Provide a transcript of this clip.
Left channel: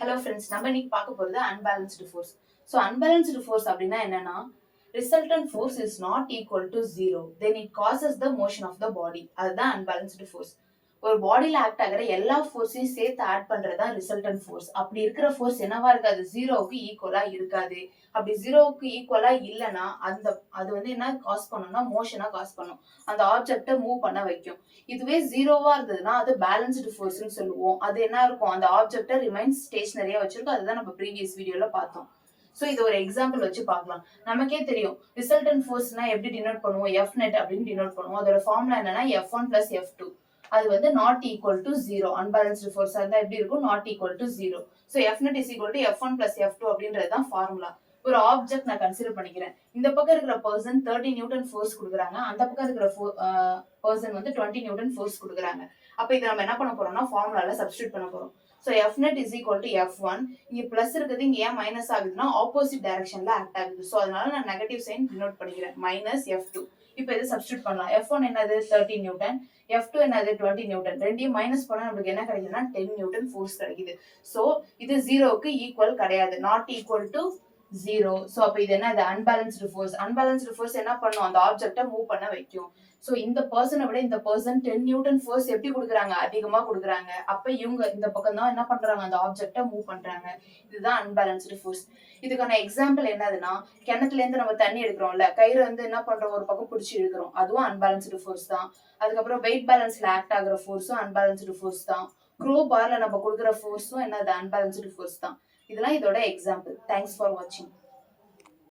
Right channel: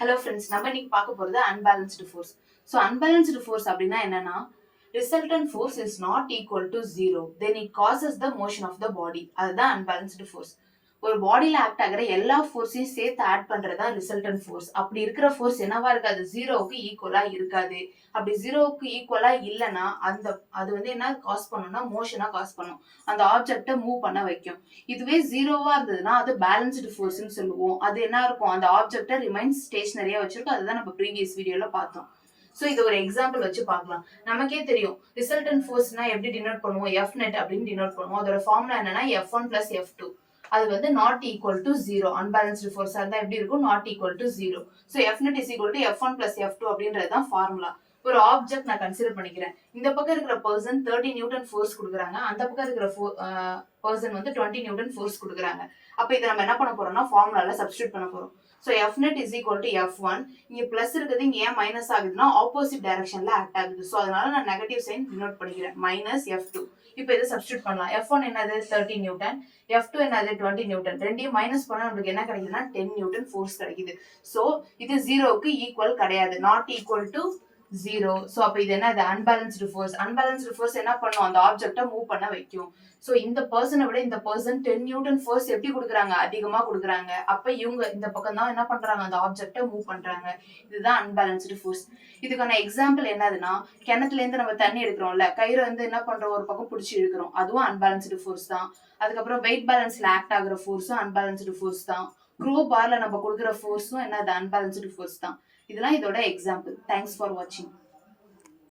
Hello friends, நம்ம இன்னைக்கு பார்க்க போறது unbalanced force. So unbalanced force அப்படின்னா என்னன்னா, resultant force is not equal to zero, then it causes the motion of the body. அதுதான் unbalanced force. ஒரு பாடியில ஆக்ட் ஆகிற எல்லா ஃபோர்ஸையும் சேர்த்து ஆட் பண்றதுதான் ரிசல்டன்ட் ஃபோர்ஸ். அப்படி இருக்கிற ஃபோர்ஸ் என்னவா இருக்காது, ஜீரோவுக்கு ஈக்குவலா இருக்காது. அப்படி ஜீரோவுக்கு ஈக்குவலா இல்லைன்னா அது வந்து என்ன காஸ் பண்ணும்னா மோஷனா காஸ் பண்ணும், அந்த ஆப்ஜெக்டை மூவ் பண்ண வைக்கும். இதுவே ஜீரோவா இருந்ததுன்னா அது பேலன்ஸ்டு ஃபோர்ஸ்னு சொல்லுவோம். அது என்ன இருக்கும், அந்த ஆப்ஜெக்டை ரிமைன்ஸ் ஸ்டேஷனரியா வச்சிருக்கும். அதுதான் நம்ம ப்ரீவியஸ் வீடியோல பார்த்தோம். சோ இது ஒரு எக்ஸாம்பிள் வச்சு பார்க்கலாம். நமக்கே தெரியும் ரிசல்டன்ட் ஃபோர்ஸ்னா எப்படி டினோட் பண்ணுவோம், எஃப் நெட் அப்படின்னு டினோட் பண்ணுவோம். அதோட ஃபார்முலா என்னன்னா F1 பிளஸ் F2. அது வந்து நாட் ஈக்குவல் டு ஜீரோ. அன்பேலன்ஸ்டு ஃபோர்ஸா இருந்தா எப்படி இருக்கும், not equal to zero. So f net is equal to F1 plus F2 அப்படின்றது தான் ஃபார்முலா. ஒரு ஆப்ஜெக்ட் நான் கன்சிடர் பண்ணிக்கிறேன். இந்த பக்கம் இருக்கிற பர்சன் 30 நியூட்டன் ஃபோர்ஸ் கொடுக்குறாங்க, அந்த பக்கம் இருக்கிற பர்சன் வந்து 20 நியூட்டன் ஃபோர்ஸ் கொடுக்குறாங்க. அப்ப இதை நம்ம என்ன பண்ண போறோம்னா ஃபார்முலால சப்ஸ்டியூட் பண்ண போறோம். So f net is equal to F1. இங்க பிளஸ் இருக்குது, இங்க ஏன் மைனஸ் ஆகுதுன்னா ஆப்போசிட் டைரக்ஷன்ல ஆக்ட் ஆகுது. ஸோ அதனால நான் நெகட்டிவ் சைன் டினோட் பண்ணிக்கிறேன், மைனஸ் F2. இப்போ இதை சப்ஸ்டியூட் பண்ணலாம். F1 என்னது 30 நியூட்டன், F2 என்னது 20 நியூட்டன். ரெண்டையும் மைனஸ் பண்ணா நம்மளுக்கு என்ன கிடைக்குதுன்னா 10 நியூட்டன் ஃபோர்ஸ் கிடைக்குது. ஸோ இது ஜீரோவுக்கு ஈக்குவல் கிடையாது, not equal to zero. So அப்ப இது என்ன, இது அன்பேலன்ஸ்டு ஃபோர்ஸ். அன்பேலன்ஸ்டு ஃபோர்ஸ் என்ன பண்ணும், அந்த ஆப்ஜெக்டை மூவ் பண்ண வைக்கும். ஸோ இந்த பர்சனை விட இந்த பர்சன் 10 நியூட்டன் ஃபோர்ஸ் எப்படி கொடுக்குறாங்க, அதிகமா கொடுக்குறாங்க. அப்ப இவங்க இந்த பக்கம் தான் என்ன பண்றாங்க, அந்த ஆப்ஜெக்டை மூவ் பண்றாங்க. இதுதான் அன்பேலன்ஸ்டு ஃபோர்ஸ். இதுக்கான எக்ஸாம்பிள் என்னதுன்னா, கிணத்துல இருந்து நம்ம தண்ணி எடுக்கிறோம்ல, கயிறு வந்து என்ன பண்றோம், ஒரு பக்கம் பிடிச்சி இழுக்கிறோம், அதுவும் அன்பேலன்ஸ்டு ஃபோர்ஸ் தான். அதுக்கப்புறம் வெயிட் பேலன்ஸ்ல ஆக்ட் ஆகுற ஃபோர்ஸும் அன்பேலன்ஸ்டு ஃபோர்ஸ் தான். க்ரோ பார்ல நம்ம கொடுக்குற ஃபோர்ஸும் என்னது, அன்பேலன்ஸ்டு ஃபோர்ஸ் தான். இதெல்லாம் இதோட எக்ஸாம்பிள். தேங்க்ஸ் ஃபார் வாட்சிங்.